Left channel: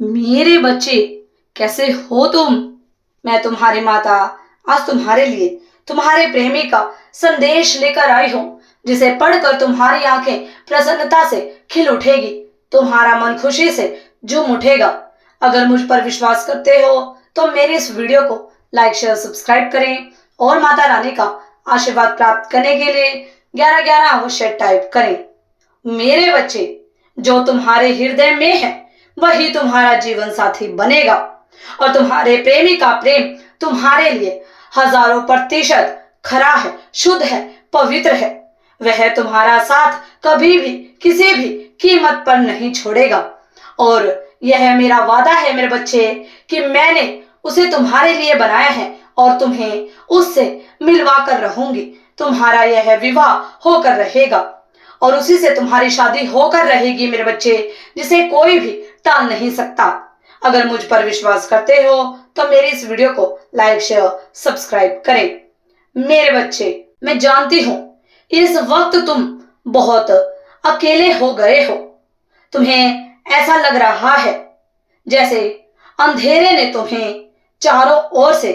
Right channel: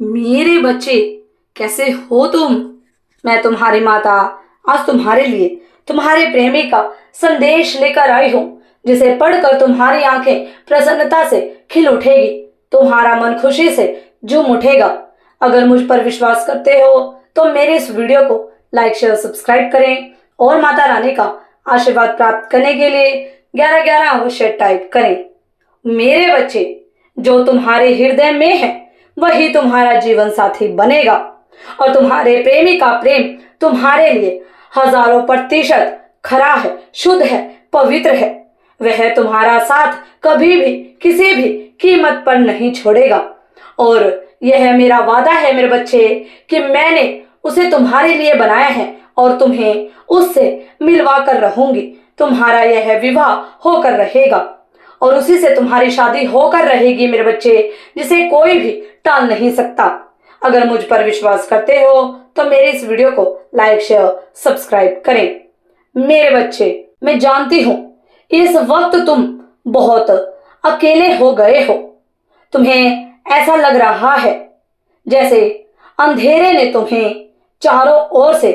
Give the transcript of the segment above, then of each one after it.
मेरे बच्चे, कैसे हो तुम? मैं तुम्हारी माता आज तुम्हारे लिए तुम्हारे प्रेमी का संदेश लेकर आई हूँ, जिसे पढ़कर तुम्हारी आंखें प्रसन्नता से खिल उठेगी, तुम्हारा मन खुशी से झूम उठेगा। अगर मुझ पर विश्वास करते हो तो मेरे इस वीडियो को लाइक शेयर सब्सक्राइब करें और माता रानी का आशीर्वाद प्राप्त करने के लिए 1111 अवश्य टाइप करें। मेरे बच्चे, जो तुम्हारे हृदय में है वही तुम्हारा जीवन साथी बनेगा और तुम्हारे प्रेमी का प्रेम तुम्हारे लिए हजारों प्रतिशत खरा है, शुद्ध है, पवित्र है। वह तुम्हारा साथ कभी भी किसी भी कीमत पर नहीं छोड़ेगा और यह मेरा वादा है मेरे बच्चे कि मैंने उसे तुम्हारे लिए बनाया है और तुम्हें उससे मिलवा कर रहूंगी। तुम्हारा यह विवाह होकर रहेगा और उसी से तुम्हारी शादी होकर रहेगी मेरे बच्चे, जिसे कोई भी टाल नहीं सकता। अगर मुझ पर विश्वास करते हो तो मेरी इस वीडियो को लाइक शेयर सब्सक्राइब करें। मेरे बच्चे, मैं जानती हूँ इस वक्त तुम बहुत अकेले हो गए हो। तुम्हें ऐसा लग रहा है जैसे अंधेरे ने तुम्हें चारों ओर से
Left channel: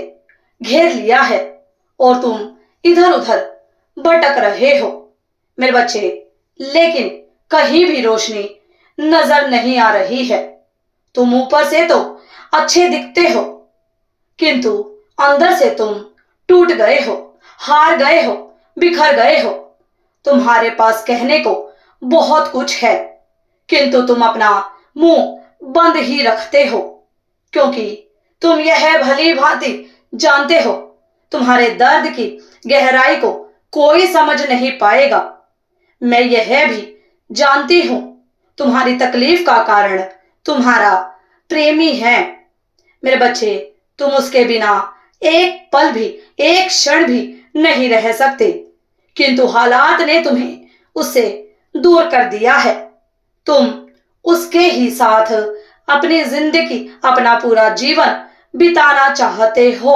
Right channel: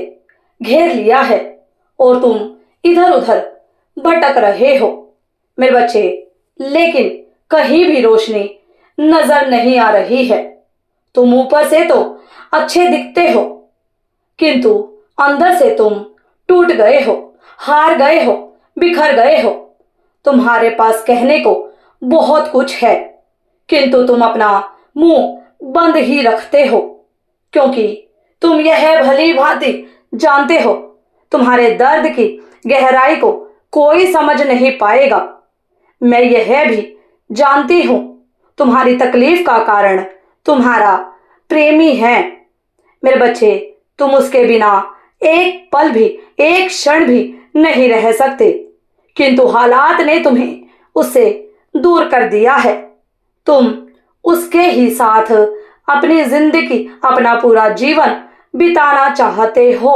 घेर लिया है और तुम इधर उधर भटक रहे हो मेरे बच्चे, लेकिन कहीं भी रोशनी नजर नहीं आ रही है। तुम ऊपर से तो अच्छे दिखते हो, किंतु अंदर से तुम टूट गए हो, हार गए हो, बिखर गए हो। तुम्हारे पास कहने को बहुत कुछ है, किंतु तुम अपना मुंह बंद ही रखते हो, क्योंकि तुम यह भली भांति जानते हो तुम्हारे दर्द की गहराई को कोई समझ नहीं पाएगा। मैं यह भी जानती हूं तुम्हारी तकलीफ का कारण तुम्हारा प्रेमी है मेरे बच्चे। तुम उसके बिना एक पल भी, एक क्षण भी नहीं रह सकते, किंतु हालात ने तुम्हें उससे दूर कर दिया है। तुम उसके ही साथ अपनी जिंदगी, अपना पूरा जीवन बिताना चाहते हो,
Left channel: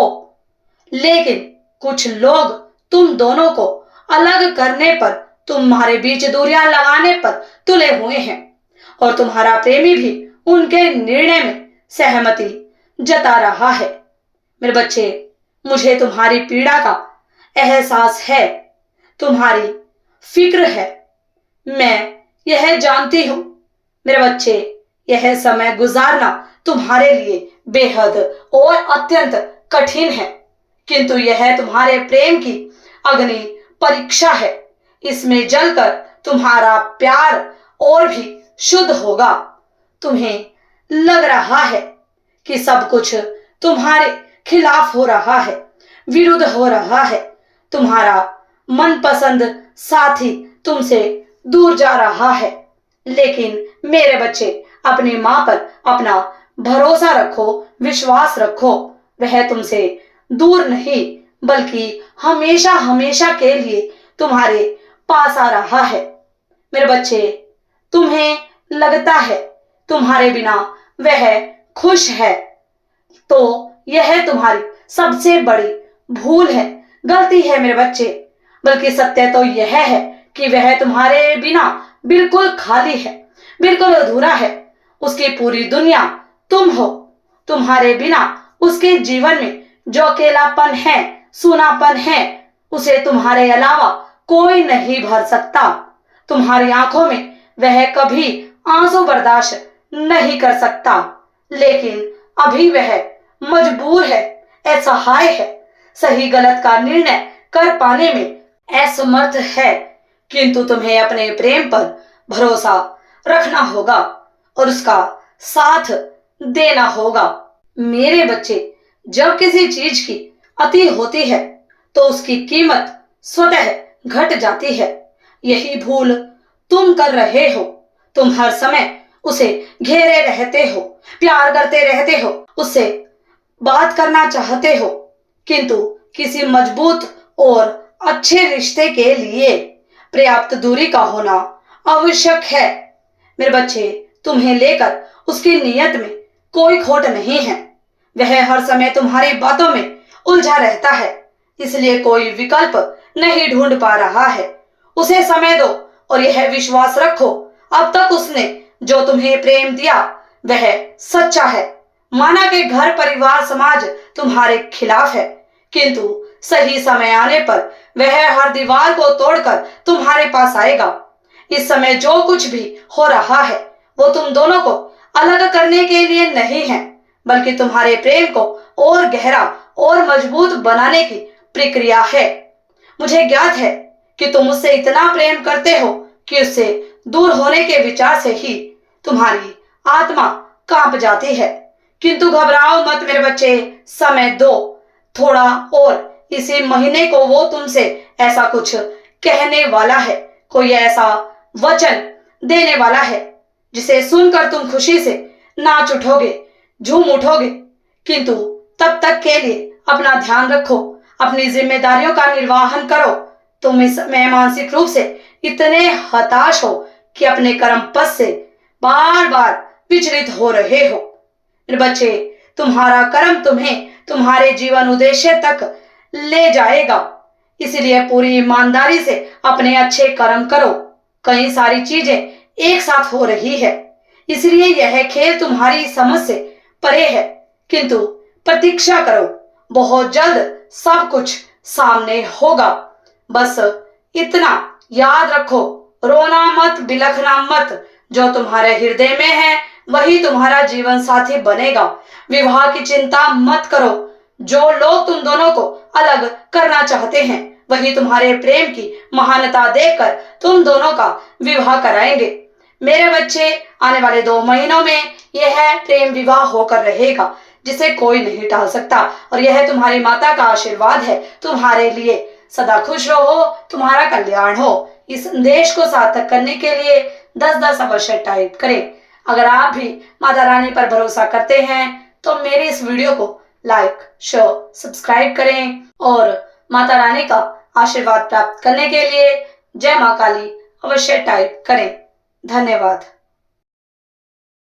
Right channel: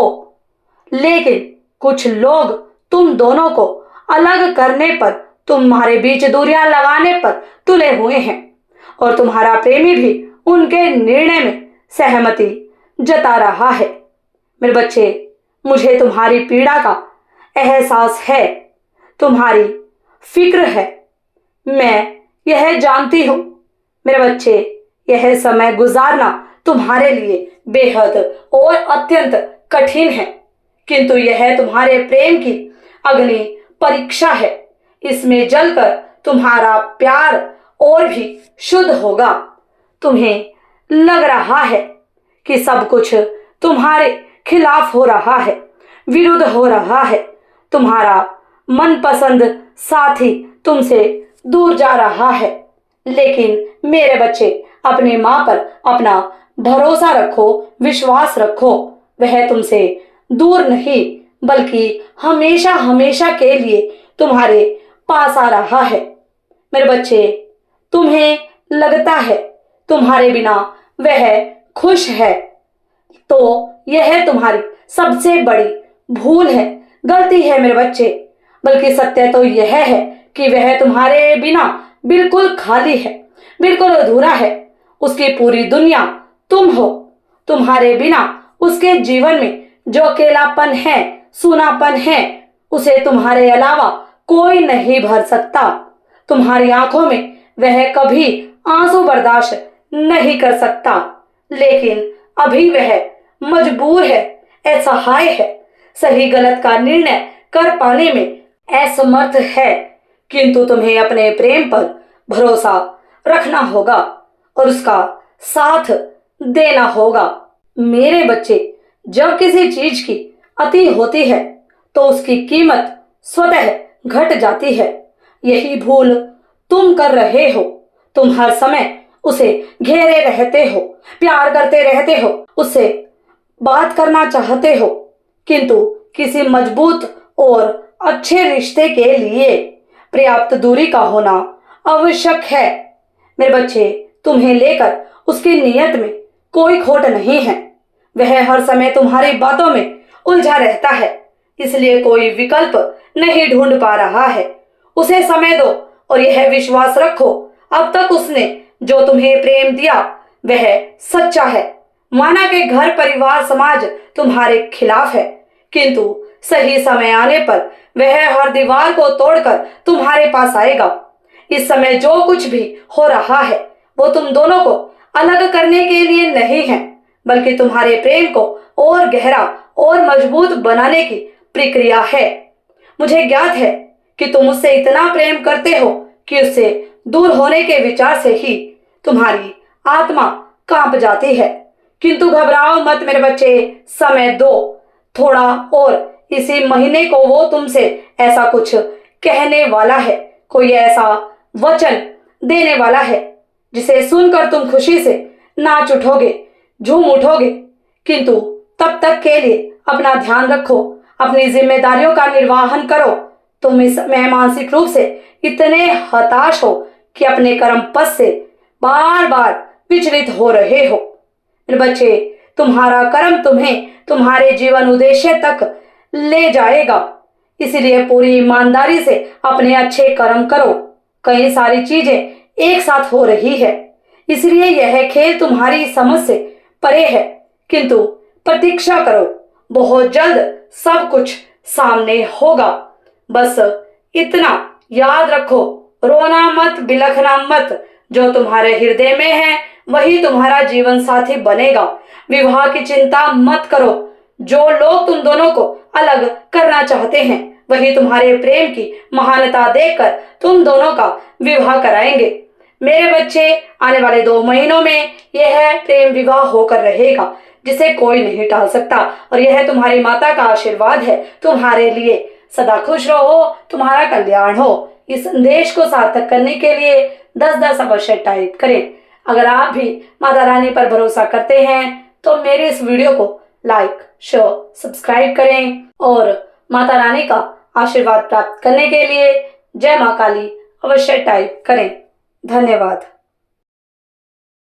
लेकिन कुछ लोग तुम दोनों को अलग करने पर, तुम्हारे बीच दूरियां लगाने पर तुले हुए हैं और तुम्हारा प्रेमी भी उनके निर्णय में सहमति जता रहा है मेरे बच्चे। मुझे तुम्हारी पीड़ा का एहसास है, तुम्हारी फिक्र है, मैं यह जानती हूं मेरे बच्चे। यह समय गुजारना तुम्हारे लिए बेहद और अत्यंत कठिन है, किंतु यह तुम्हारे प्रेम की अग्नि परीक्षा है। इसमें जलकर तुम्हारा प्यार और भी शुद्ध होगा। तुम्हें लग रहा है कि सब कुछ तुम्हारे खिलाफ हो रहा है, विरुद्ध हो रहा है। तुम्हारा मनपसंद साथी तुमसे दूर जा रहा है, लेकिन मेरे बच्चे, अपनी मां पर अपना भरोसा रखो, विश्वास रखो। वह तुमसे दूर नहीं बल्कि हमेशा हमेशा के लिए तुम्हारे पास आ रहा है मेरे बच्चे। तुम्हें लगता है तुम्हारे बिना वह खुश है, तो यह तुम्हारी सबसे बड़ी भूल है, गलती है मेरे बच्चे। बल्कि सत्य तो यह है कि वह तुम्हारे बिना बिल्कुल खाली है, बिल्कुल अधूरा है। उसकी पूरी दुनिया तुम हो। तुम्हारे बिना उसके जीवन में जो अकेलापन है, सूनापन है, उसे तुम्हारे अलावा कोई नहीं भर सकता। तुम्हारी आंखों में वह कभी आंसू बर्दाश्त नहीं कर सकता, लेकिन अभी वह मजबूर है, असहाय है, सही गलत का निर्णय कर पाने में असमर्थ है। किंतु तुम्हें अपने प्रेम पर भरोसा रखना होगा और उसका साथ देना होगा मेरे बच्चे। जब किसी चीज की अति होती है तो उसकी कीमत स्वतः घट जाती है। यही भूल तुम कर रहे हो। तुम हर समय उसे घेरे रहते हो, प्यार करते रहते हो, उससे बात करना चाहते हो, किंतु किसी मजबूत और अच्छे रिश्ते के लिए पर्याप्त दूरी का होना आवश्यक है मेरे बच्चे। तुम्हें लेकर उसकी नीयत में कोई खोट नहीं है। वह हर समय तुम्हारी बातों में उलझा रहता है, इसलिए कोई विकल्प नहीं ढूंढ पा रहा है। उसे समय दो और यह विश्वास रखो, अब तक उसने जो तुम्हें प्रेम दिया वह सच्चा है। माना कि घर परिवार समाज तुम्हारे खिलाफ है, किंतु सही समय आने पर वह हर दीवार को तोड़कर तुम्हारे पास आएगा। इस समय जो कुछ भी हो रहा है वो तुम दोनों को अलग करने के लिए नहीं है, बल्कि तुम्हारे प्रेम को और गहरा और मजबूत बनाने की प्रक्रिया है। मुझे ज्ञात है कि तुम उससे इतना प्रेम करते हो कि उससे दूर होने के विचार से ही तुम्हारी आत्मा कांप जाती है। किंतु घबराओ मत मेरे बच्चे, समय दो थोड़ा और। इसी महीने को वो तुमसे ऐसा कुछ कहने वाला है, कोई ऐसा वचन देने वाला है जिसे सुनकर तुम खुशी से नाच उठोगे, झूम उठोगे। किंतु तब तक के लिए अपना ध्यान रखो, अपनी जिम्मेदारियों का निर्वहन करो। तुम इस समय मानसिक रूप से इतने हताश हो कि अपने कर्म पथ से बार बार विचलित हो रहे हो। मेरे बच्चे, तुम्हारा कर्म तुम्हें तुम्हारे जीवन उद्देश्य तक ले जाएगा, इसलिए पूरी ईमानदारी से अपने अच्छे कर्म करो। कई सारी चीजें एक साथ हो रही है, इसलिए यह खेल तुम्हारी समझ से परे है, किंतु प्रतीक्षा करो, बहुत जल्द सब कुछ सामने होगा। बस इतना याद रखो, रोना मत, बिलखना मत। जो तुम्हारे हृदय में है वही तुम्हारा जीवन साथी बनेगा। विवाह की चिंता मत करो, जो लोग तुम दोनों को अलग करना चाहते हैं वही तुम्हारे प्रेम की महानता देखकर तुम दोनों का विवाह कराएंगे। मेरे बच्चे, आने वाले 2 महीनों में यह प्रेम विवाह होकर रहेगा, जिसे कोई नहीं टाल सकता, और यह तुम्हारी माता का आशीर्वाद है तुम्हारे लिए। सदा खुश रहो, तुम्हारा कल्याण हो। इस संदेश को सार्थक करने के लिए 10-10 अवश्य टाइप करें। अगर आप भी माता रानी पर भरोसा करते हैं तो मेरी इस वीडियो को लाइक, शेयर, सब्सक्राइब करें और माता रानी का आशीर्वाद प्राप्त करने के लिए जय मां काली अवश्य टाइप करें। धन्यवाद।